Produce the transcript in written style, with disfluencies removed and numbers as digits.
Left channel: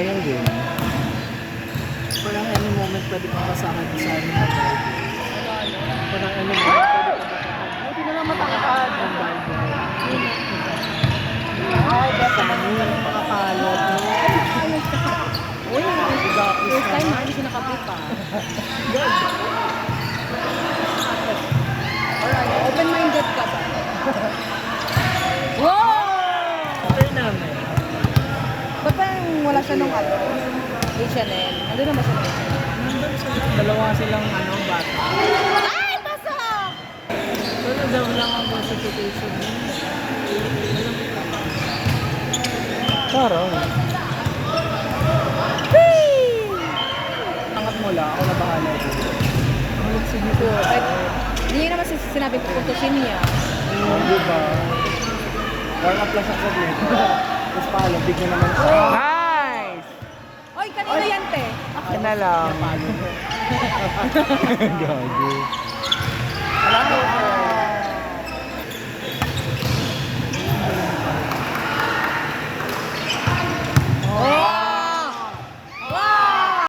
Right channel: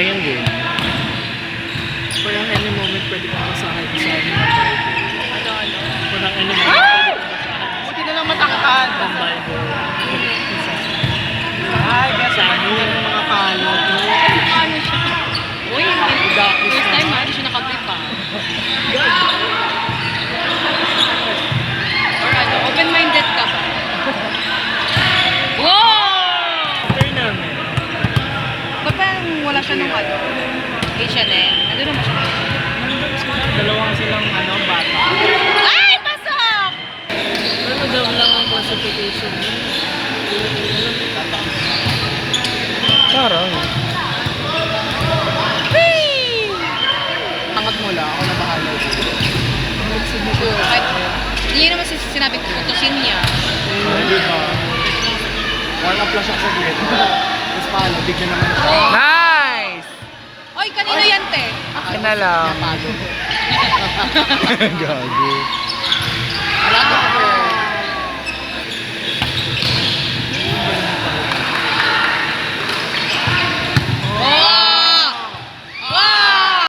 Ayun din. Parang any moment pwede kang kasahan sa any moment. Parang any moment Ah! pwede kang kasahan. Buti na lang matangkad. Ang Bible. Ay, best Sa ano yung mga palot. Ano siya? Uy, first time ha, hindi siya nakabit pa. Or ano, open-minded ka ba? Wow! Turn on. Ba parang wala siya nung ano? H&M. Nandun naman siya. Dalawa silang ano, bata. Ay! Pasok! Ano daw lang ang classification niya? Charot. Whee! Angat mo lang, ako na bahala. So, kahit, hindi niya naman sinabing putusin niya. Diba? Warm up lang siya sa grid. Tapos paano, bigyan naman siya. Nice! Oy, kanino yan, te? Akin na lang. Gago. Wala ko.